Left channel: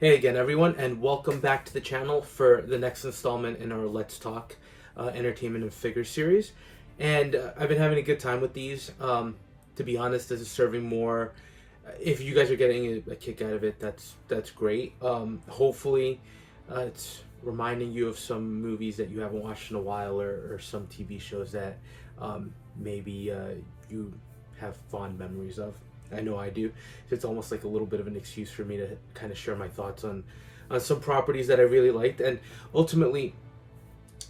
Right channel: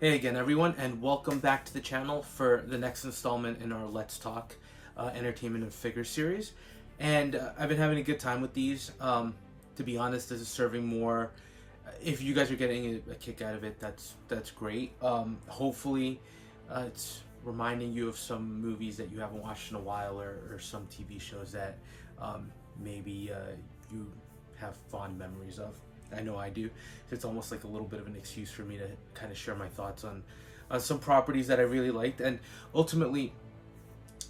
Hey again, everyone, and welcome back to the channel for the next installment in our Let's Talk Entertainment and Figure series. And I've been having a good time with these. To be honest, this is serving more. If you guys are getting a kick out of it, that's great. Hopefully, it's reminding you of some movies that you haven't watched in a while, or some TV shows that maybe you have fond memories of. I know I do. It's almost like a little bit of an excuse for me to kind of share my thoughts on some properties that I really liked. And ultimately,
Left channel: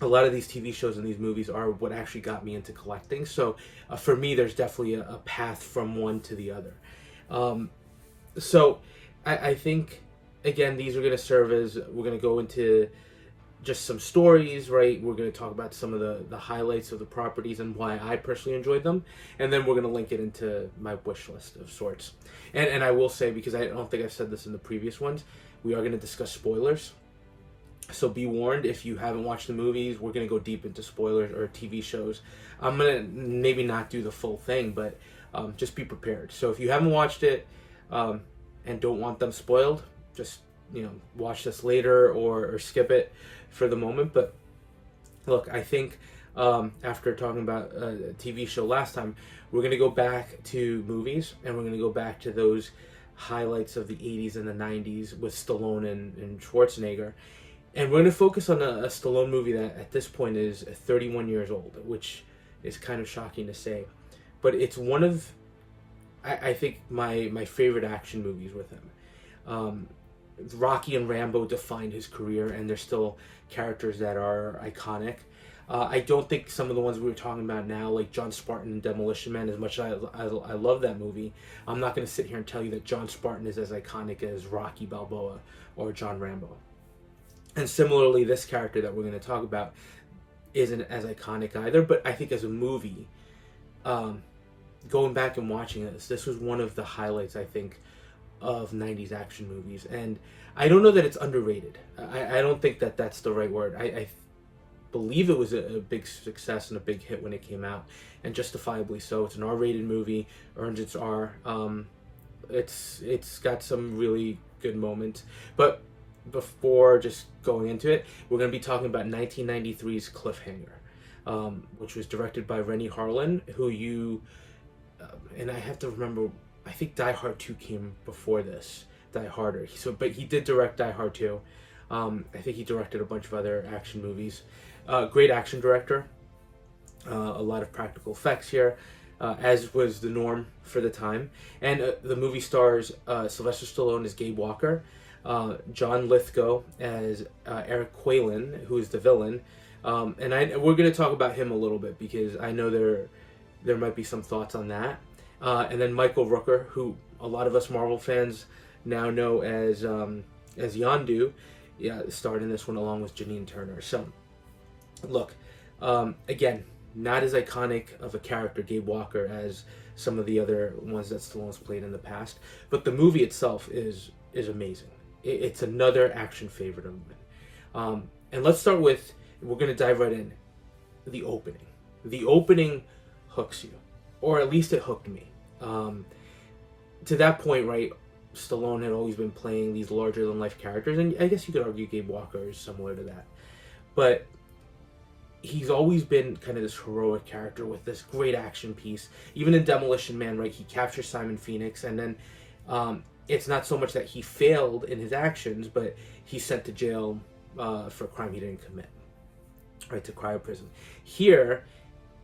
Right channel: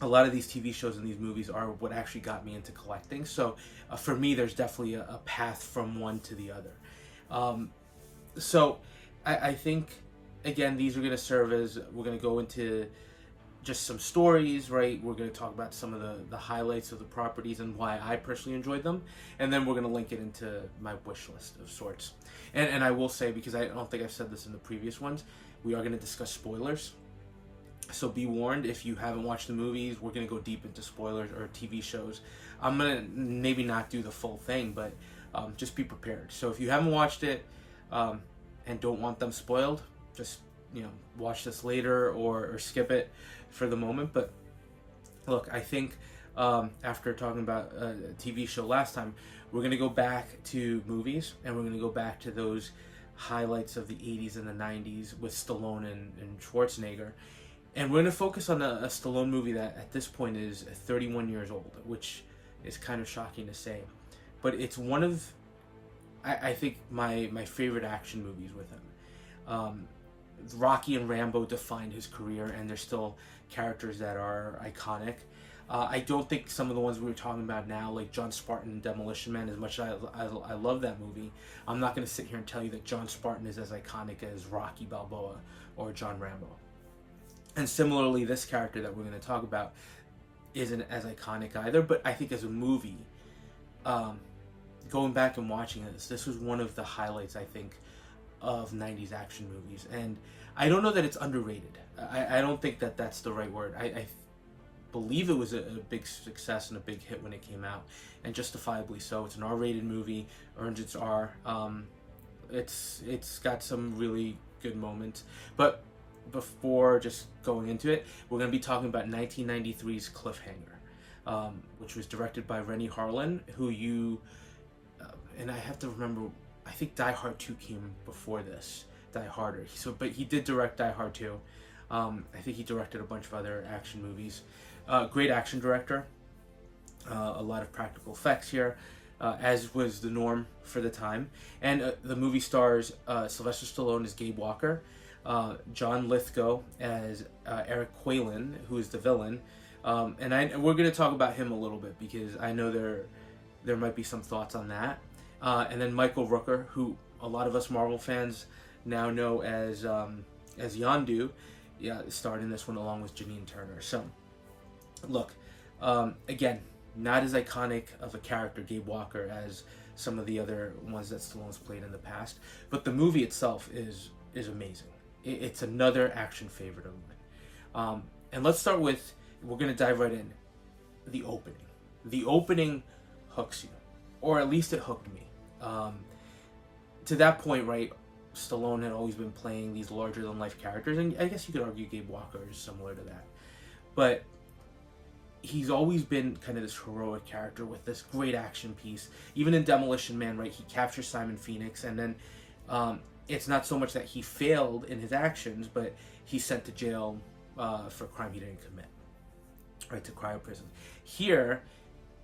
a lot of these TV shows and these movies are what actually got me into collecting. So for me, there's definitely a path from one to the other. So I think, again, these are going to serve as, we're going to go into just some stories, right? We're going to talk about some of the highlights of the properties and why I personally enjoyed them. And then we're going to link it into my wish list of sorts. And I will say, because I don't think I've said this in the previous ones, we are going to discuss spoilers. So be warned, if you haven't watched the movies, we're going to go deep into spoilers or TV shows. I'm going to maybe not do the full thing, but just be prepared. So if you haven't watched it and don't want them spoiled, just watch this later or skip it for the moment. But look, I think after talking about a TV show last time, we're going to go back to movies, and we're going to go back to those highlights of the 80s and the 90s with Stallone and Schwarzenegger. And we're going to focus on a Stallone movie that at this point is 31 years old, which is kind of shocking to say. But it's one of, I think, my favorite action movies with him. Rocky and Rambo defined his career, and they're still characters that are iconic. I don't think some of the ones we were talking about now, like John Spartan and Demolition Man, as much as I love that movie, I'm not going to sit here and tell you that John Spartan is as iconic as Rocky Balboa or John Rambo. And similarly, this character that we're going to talk about isn't as iconic either, but I think as a movie, going back and watching this was one of the highlights, I think, of 90s action movies. And I don't know that it's underrated. I don't think that that's the right word. I believe it was a big success and a big hit when it came out, and justifiably so. It's an R-rated movie, earned its R. It's got some really good moments. But before just going into it, we're going to be talking about 1993's Cliffhanger, which was directed by Rennie Harlin, who and I have to remember, I think Die Hard 2 came before this, Die Harder. But he did direct Die Hard 2. I think he directed a bunch of other action movies. Great action director. A lot of practical effects here, as was the norm for the time. And the movie stars Sylvester Stallone as Gabe Walker, John Lithgow as Eric Quaylen, who is the villain. And we're going to talk about him a little bit, because I know there might be some thoughts on that. And then Michael Rooker, who a lot of us Marvel fans now know as Yondu, starred in this one along with Janine Turner. So, look, again, not as iconic of a character, Gabe Walker, as some of the other ones that Stallone's played in the past, but the movie itself is amazing. It's another action favorite of mine. And let's start with, we're going to dive right in, the opening. The opening hooks you, or at least it hooked me. To that point, right, Stallone had always been playing these larger-than-life characters, and I guess you could argue Gabe Walker is similar to that. But he's always been kind of this heroic character with this great action piece. Even in Demolition Man, right, he captures Simon Phoenix, and then it's not so much that he failed in his actions, but he's sent to jail for a crime he didn't commit, right, to cryo prison. Here,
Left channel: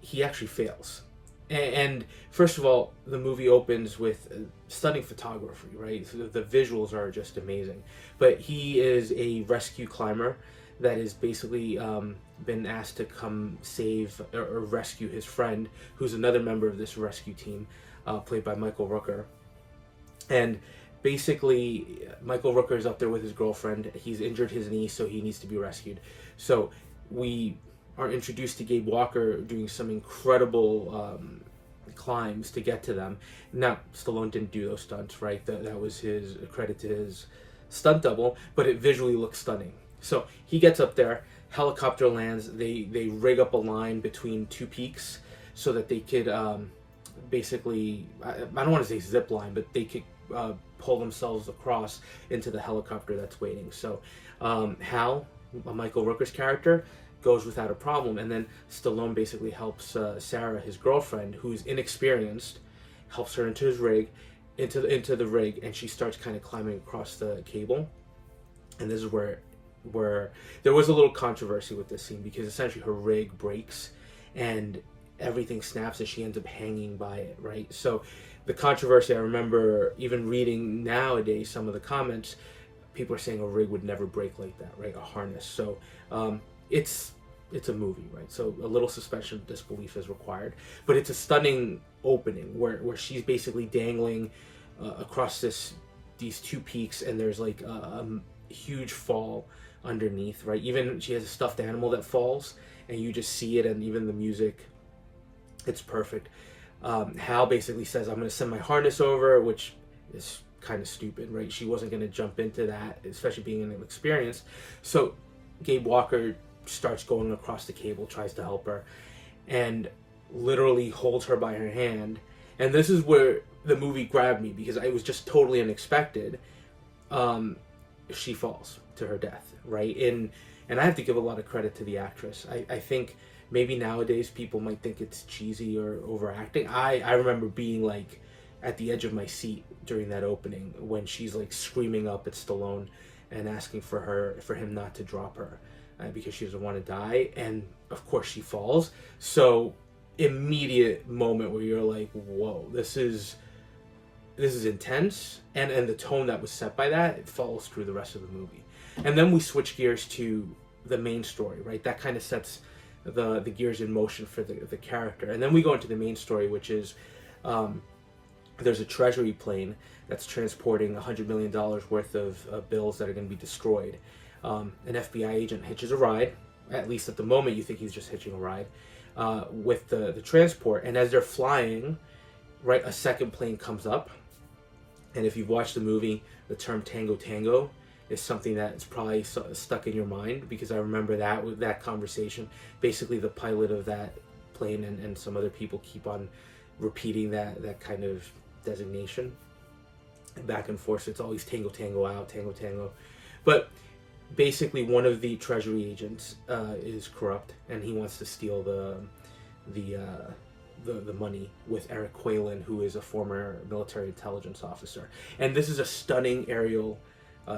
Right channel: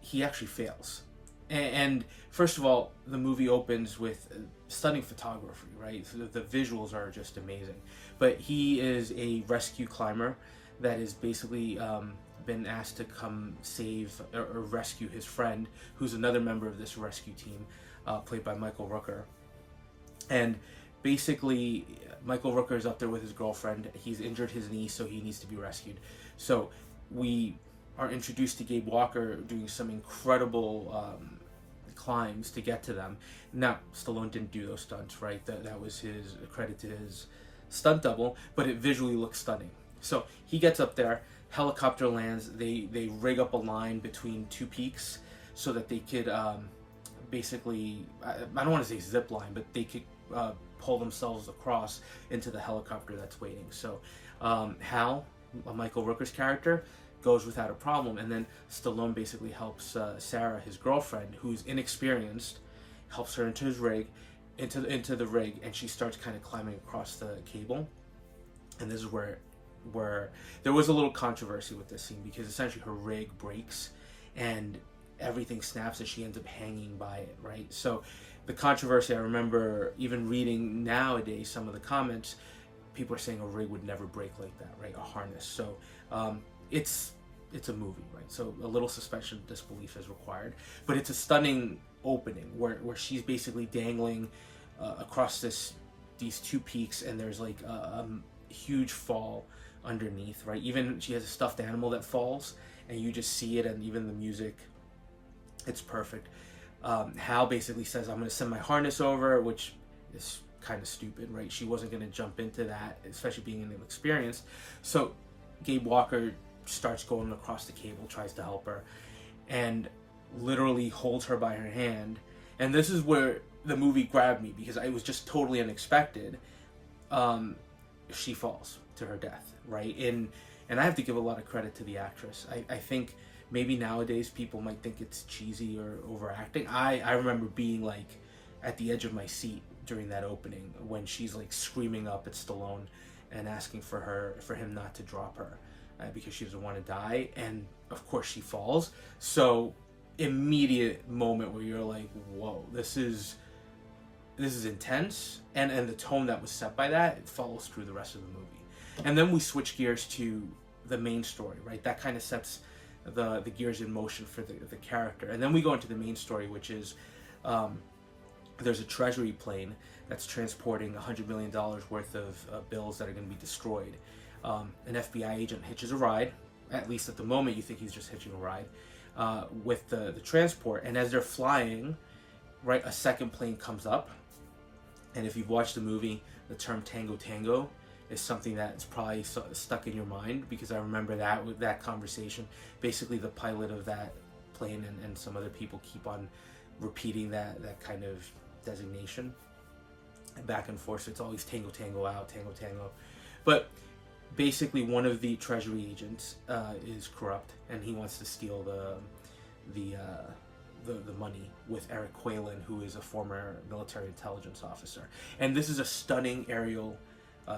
he actually fails. And first of all, the movie opens with stunning photography, right? So the visuals are just amazing. But he is a rescue climber that is basically been asked to come save or rescue his friend, who's another member of this rescue team, played by Michael Rooker. And basically, Michael Rooker is up there with his girlfriend. He's injured his knee, so he needs to be rescued. So we are introduced to Gabe Walker doing some incredible climbs to get to them. Now, Stallone didn't do those stunts, right? That was his credit to his stunt double, but it visually looks stunning. So he gets up there, helicopter lands, they rig up a line between two peaks so that they could basically, I don't want to say zip line, but they could pull themselves across into the helicopter that's waiting. So Hal, Michael Rooker's character, goes without a problem, and then Stallone basically helps Sarah, his girlfriend, who's inexperienced, helps her into his rig, into the rig, and she starts kind of climbing across the cable. And this is where there was a little controversy with this scene, because essentially her rig breaks and everything snaps and she ends up hanging by it, right? So the controversy, I remember even reading nowadays some of the comments, people are saying a rig would never break like that, right? A harness. So it's a movie, right? So a little suspension of disbelief is required, but it's a stunning opening where she's basically dangling across these two peaks, and there's like a huge fall underneath, right? Even she has a stuffed animal that falls, and you just see it, and even the music, it's perfect. Hal basically says, I'm going to send my harness over, which is kind of stupid, right? She wasn't going to jump into that, especially being inexperienced. So Gabe Walker starts going across the cable, tries to help her, and literally holds her by her hand. And this is where the movie grabbed me, because it was just totally unexpected. She falls to her death, right? And I have to give a lot of credit to the actress. I think maybe nowadays people might think it's cheesy or overacting. I remember being like at the edge of my seat during that opening when she's like screaming up at Stallone and asking for him not to drop her because she doesn't want to die. And of course she falls. So immediate moment where you're like, whoa, this is intense, and the tone that was set by that, it follows through the rest of the movie. And then we switch gears to the main story, right? That kind of sets the gears in motion for the character. And then we go into the main story, which is there's a treasury plane that's transporting $100 million worth of bills that are going to be destroyed. An FBI agent hitches a ride. At least at the moment, you think he's just hitching a ride with the transport. And as they're flying, right, a second plane comes up. And if you've watched the movie, the term Tango Tango is something that's probably stuck in your mind, because I remember that conversation. Basically, the pilot of that plane and some other people keep on repeating that kind of designation back and forth. So it's always Tango Tango out, Tango Tango. But basically, one of the treasury agents is corrupt, and he wants to steal the money with Eric Quaylen, who is a former military intelligence officer. And this is a stunning aerial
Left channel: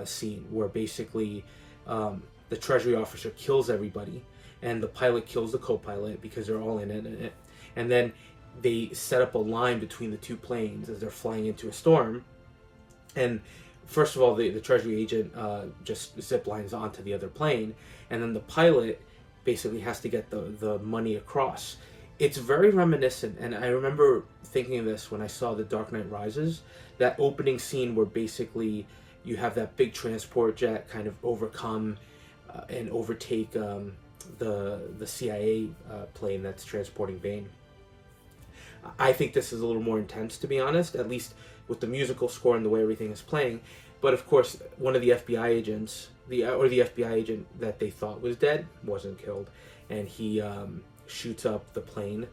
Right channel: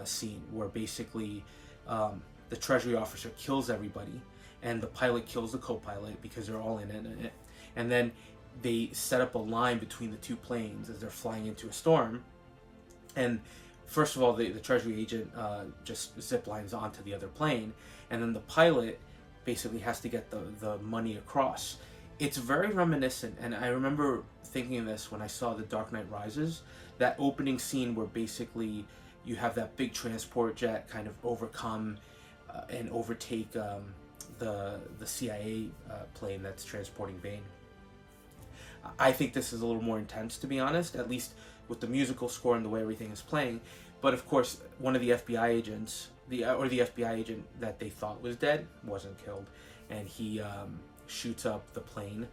scene where basically the treasury officer kills everybody, and the pilot kills the co-pilot because they're all in it. And then they set up a line between the two planes as they're flying into a storm. And first of all, the treasury agent just zip lines onto the other plane, and then the pilot basically has to get the money across. It's very reminiscent, and I remember thinking of this when I saw The Dark Knight Rises, that opening scene where basically you have that big transport jet kind of overcome and overtake the CIA plane that's transporting Bane. I think this is a little more intense, to be honest, at least with the musical score and the way everything is playing. But of course, one of the FBI agents, the FBI agent that they thought was dead, wasn't killed, and he shoots up the plane,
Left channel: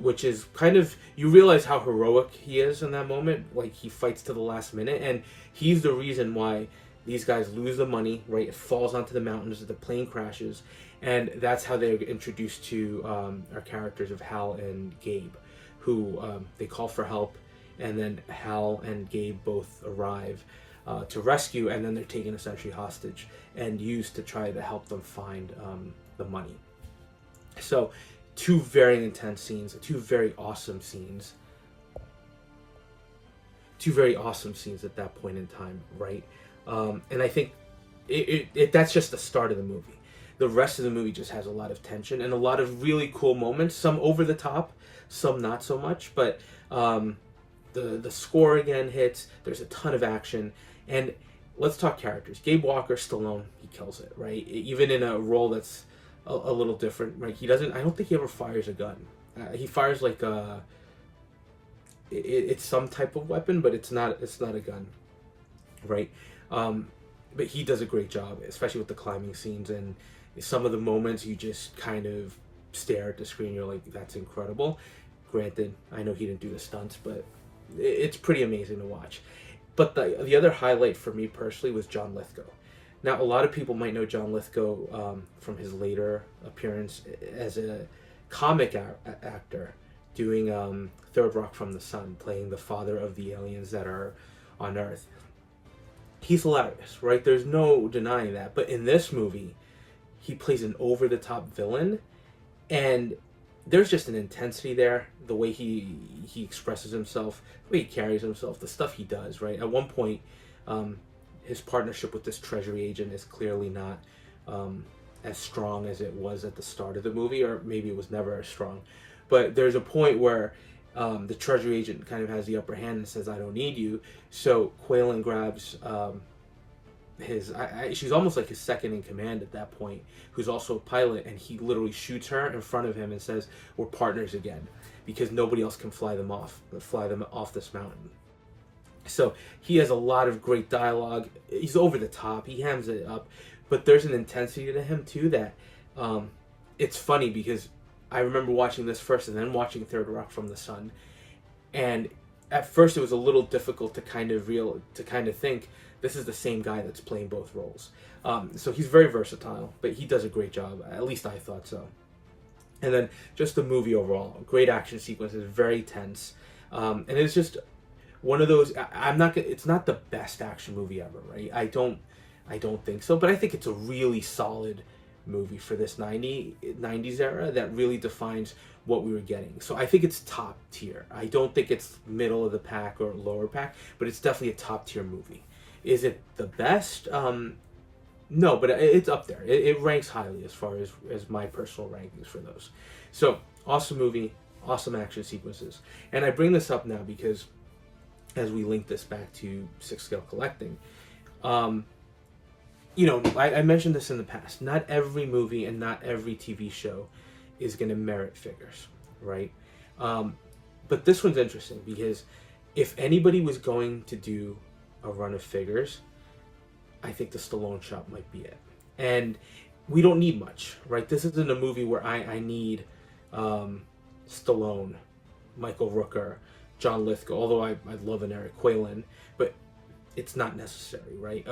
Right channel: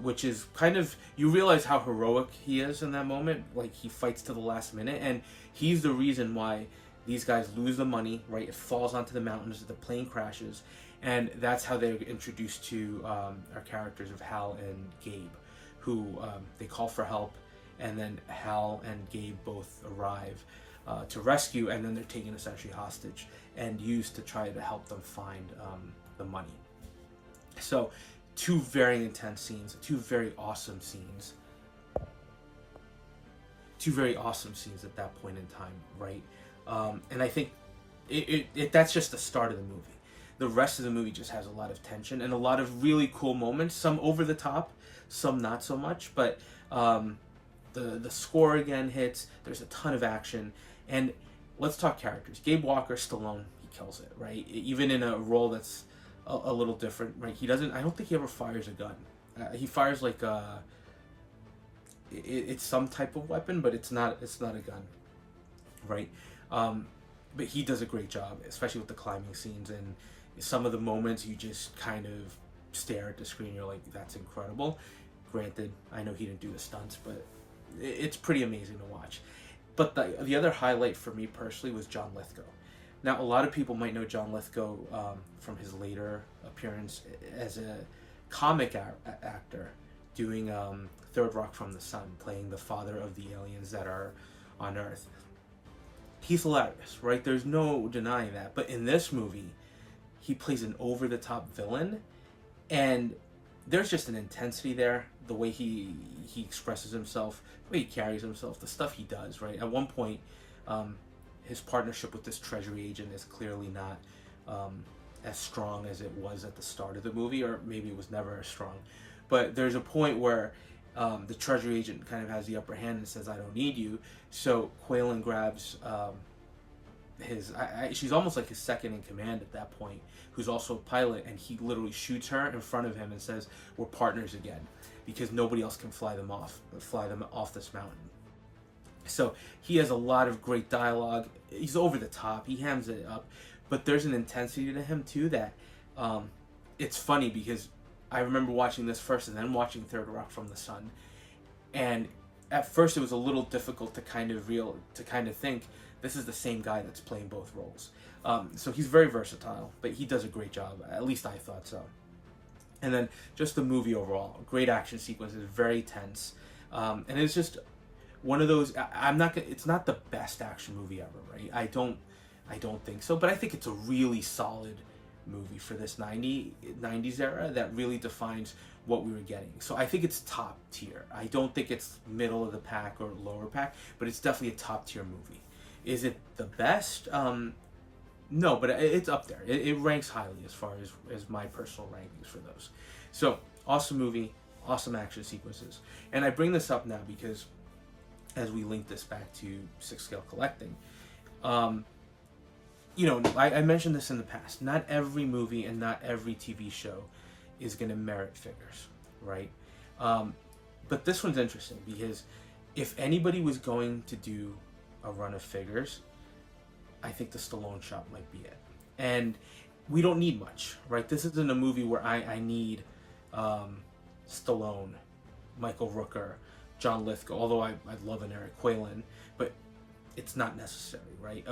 which is kind of, you realize how heroic he is in that moment. Like, he fights to the last minute, and he's the reason why these guys lose the money, right? It falls onto the mountains, the plane crashes, and that's how they're introduced to our characters of Hal and Gabe, who they call for help, and then Hal and Gabe both arrive to rescue, and then they're taken essentially hostage and used to try to help them find the money. So, two very intense scenes, two very awesome scenes at that point in time, right? And I think that's just the start of the movie. The rest of the movie just has a lot of tension and a lot of really cool moments, some over the top, some not so much, but the score again hits, there's a ton of action, and let's talk characters. Gabe Walker, Stallone, he kills it, right? Even in a role that's a little different, right? I don't think he ever fires a gun. He fires like it's some type of weapon, but it's not a gun, right? But he does a great job, especially with the climbing scenes, and some of the moments you just kind of stare at the screen, you're like, that's incredible. Granted, I know he didn't do the stunts, but it's pretty amazing to watch. But the other highlight for me personally was John Lithgow. Now, a lot of people might know John Lithgow from his later appearance as a comic actor doing Third Rock from the Sun, playing the father of the aliens that are on Earth. He's hilarious, right? There's no denying that. But in this movie, he plays an over-the-top villain, and there's just an intensity there, the way he expresses himself, the way he carries himself, the stuff he does, right? At one point, his partnership with this treasury agent is clearly not as strong as it was at the start of the movie, or maybe it was never as strong. But there's a point where the treasury agent kind of has the upper hand and says, "I don't need you." So Quaylen grabs she's almost like his second in command at that point, who's also a pilot, and he literally shoots her in front of him and says, "We're partners again," because nobody else can fly them off this mountain. So he has a lot of great dialogue. He's over the top. He hams it up, but there's an intensity to him too that it's funny, because I remember watching this first and then watching Third Rock from the Sun, and at first it was a little difficult to kind of think this is the same guy that's playing both roles. So he's very versatile, but he does a great job. At least I thought so. And then just the movie overall, great action sequences, very tense, and it's just one of those. It's not the best action movie ever, right? I don't think so, but I think it's a really solid movie for this 90s era that really defines what we were getting. So I think it's top tier. I don't think it's middle of the pack or lower pack, but it's definitely a top tier movie. Is it the best? No, but it's up there. It ranks highly as far as my personal rankings for those. So awesome movie, awesome action sequences. And I bring this up now because as we link this back to 6-scale collecting, I mentioned this in the past. Not every movie and not every TV show is going to merit figures, right? But this one's interesting because if anybody was going to do a run of figures, I think the Stallone shop might be it. And we don't need much, right? This isn't a movie where I need Stallone, Michael Rooker, John Lithgow, although I'd love an Eric Quaylen, but it's not necessary, right?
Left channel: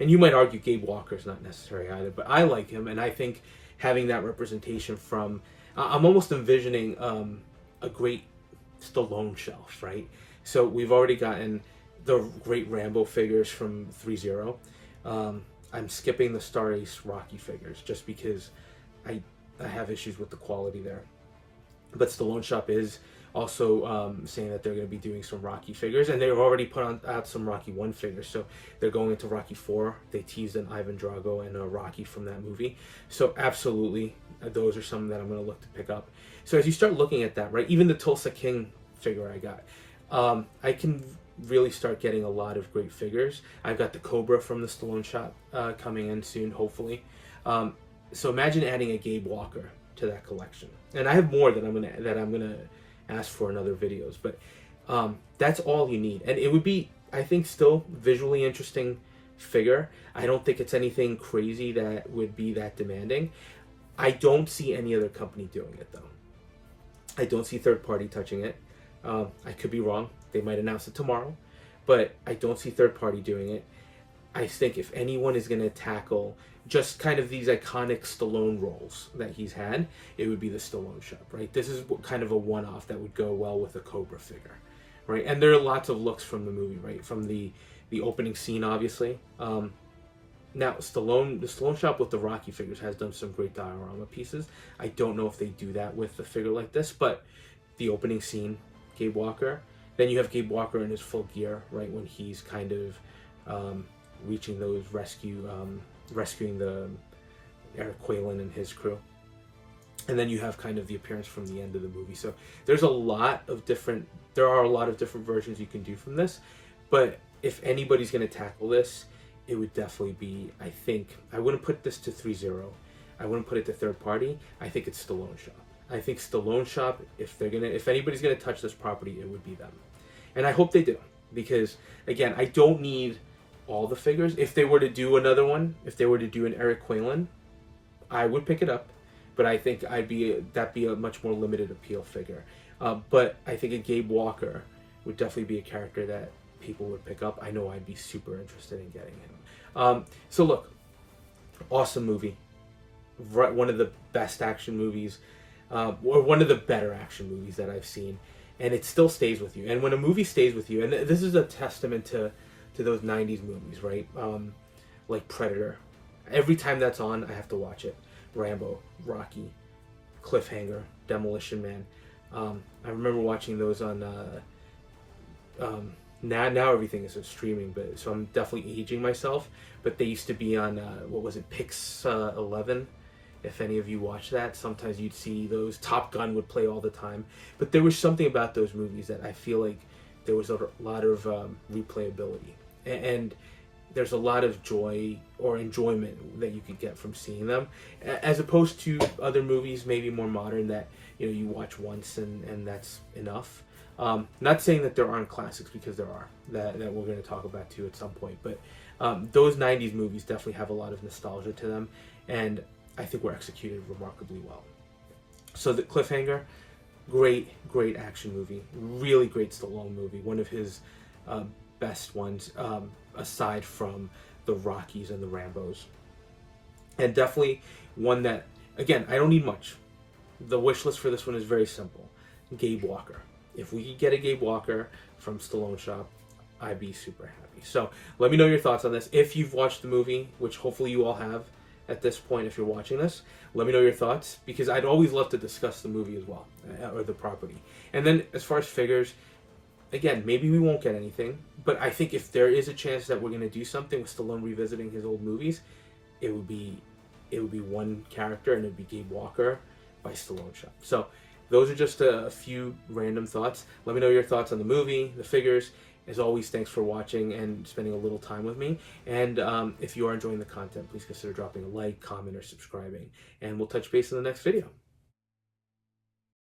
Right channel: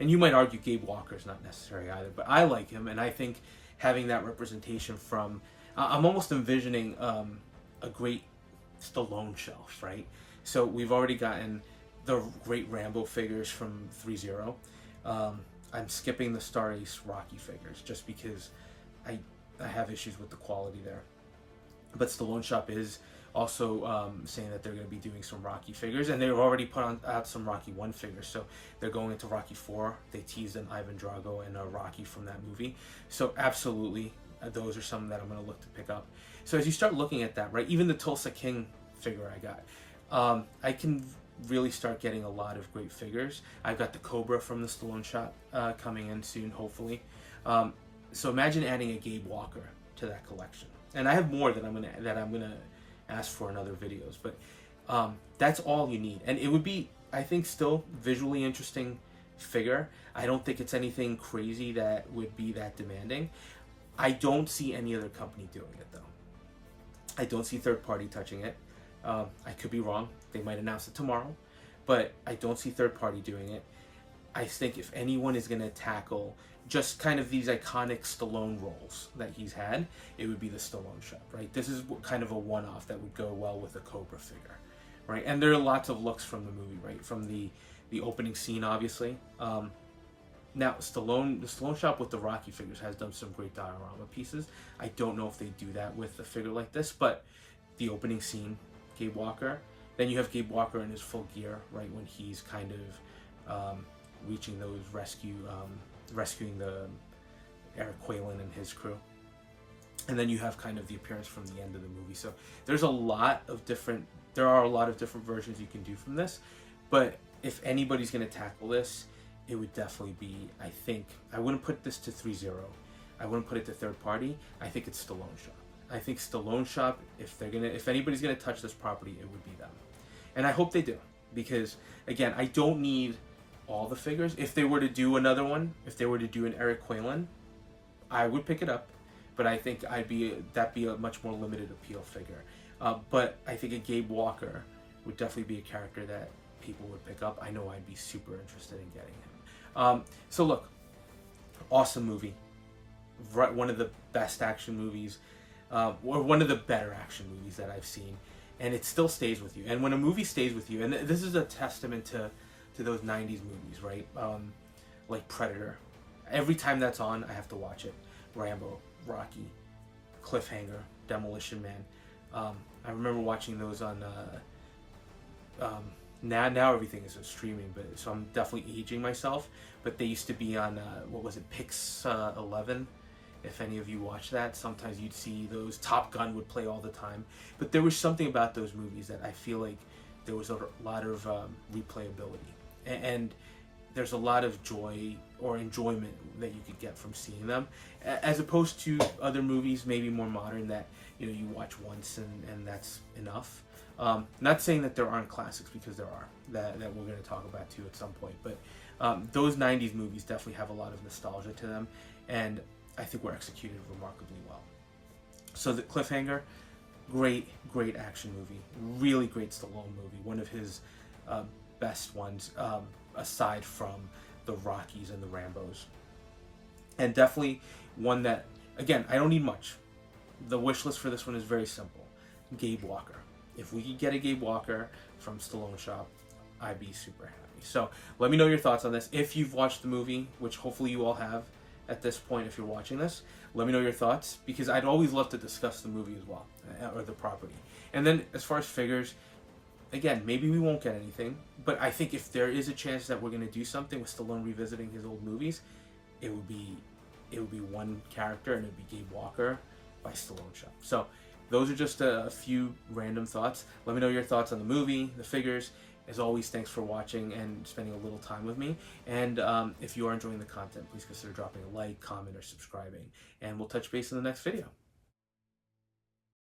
And you might argue Gabe Walker's not necessary either, but I like him, and I think having that representation from... I'm almost envisioning a great Stallone shelf, right? So we've already gotten the great Rambo figures from 3-0. I'm skipping the Star Ace Rocky figures just because I have issues with the quality there. But Stallone Shop is also saying that they're going to be doing some Rocky figures, and they've already put out some Rocky 1 figures, so they're going into Rocky 4. They teased an Ivan Drago and a Rocky from that movie. So absolutely, those are some that I'm going to look to pick up. So as you start looking at that, right, even the Tulsa King figure I got, I can really start getting a lot of great figures. I've got the Cobra from the Stallone Shop coming in soon, hopefully. So imagine adding a Gabe Walker to that collection, and I have more that I'm gonna ask for in other videos. But that's all you need, and it would be, I think, still visually interesting figure. I don't think it's anything crazy that would be that demanding. I don't see any other company doing it though. I don't see third party touching it. I could be wrong. They might announce it tomorrow, but I don't see third party doing it. I think if anyone is going to tackle just kind of these iconic Stallone roles that he's had, it would be the Stallone Shop, right? This is kind of a one-off that would go well with a Cobra figure, right? And there are lots of looks from the movie, right? From the opening scene, obviously. Now, the Stallone Shop with the Rocky figures has done some great diorama pieces. I don't know if they do that with a figure like this, but the opening scene, Gabe Walker. Then you have Gabe Walker in his full gear, right, when he's kind of reaching those rescuing the Eric Quaylen and his crew. And then you have kind of the appearance from the end of the movie. So there are a lot of different versions you can do from this. But if anybody's going to tackle this, it would definitely be, I think, I wouldn't put this to 3-0. I wouldn't put it to third party. I think it's Stallone Shop. I think Stallone Shop, if anybody's gonna touch this property, it would be them. And I hope they do, because again, I don't need all the figures. If they were to do another one, if they were to do an Eric Quaylen, I would pick it up, but I think that'd be a much more limited appeal figure. But I think a Gabe Walker would definitely be a character that people would pick up, I know I'd be super interested in getting it. So look, awesome movie. One of the best action movies, or one of the better action movies that I've seen, and it still stays with you. And when a movie stays with you, and this is a testament to those 90s movies, right? Like Predator. Every time that's on, I have to watch it. Rambo, Rocky, Cliffhanger, Demolition Man. I remember watching those on now everything is streaming, but so I'm definitely aging myself. But they used to be on what was it, Pix 11? If any of you watch that, sometimes you'd see those. Top Gun would play all the time. But there was something about those movies that I feel like there was a lot of replayability, and there's a lot of joy or enjoyment that you could get from seeing them, as opposed to other movies, maybe more modern, that you watch once and that's enough. Not saying that there aren't classics, because there are, that we're going to talk about too at some point, but those 90s movies definitely have a lot of nostalgia to them, and I think were executed remarkably well. So the Cliffhanger, great action movie, really great Stallone movie, one of his best ones, aside from the Rockies and the Rambos, and definitely one that, again, I don't need much. The wish list for this one is very simple. Gabe Walker. If we could get a Gabe Walker from Stallone Shop, I'd be super happy. So let me know your thoughts on this. If you've watched the movie, which hopefully you all have at this point if you're watching this, let me know your thoughts, because I'd always love to discuss the movie as well, or the property. And then as far as figures, again, maybe we won't get anything, but I think if there is a chance that we're going to do something with Stallone revisiting his old movies, it would be one character, and it would be Gabe Walker by Stallone Shop. So those are just a few random thoughts. Let me know your thoughts on the movie, the figures. As always, thanks for watching and spending a little time with me. And if you are enjoying the content, please consider dropping a like, comment, or subscribing. And we'll touch base in the next video.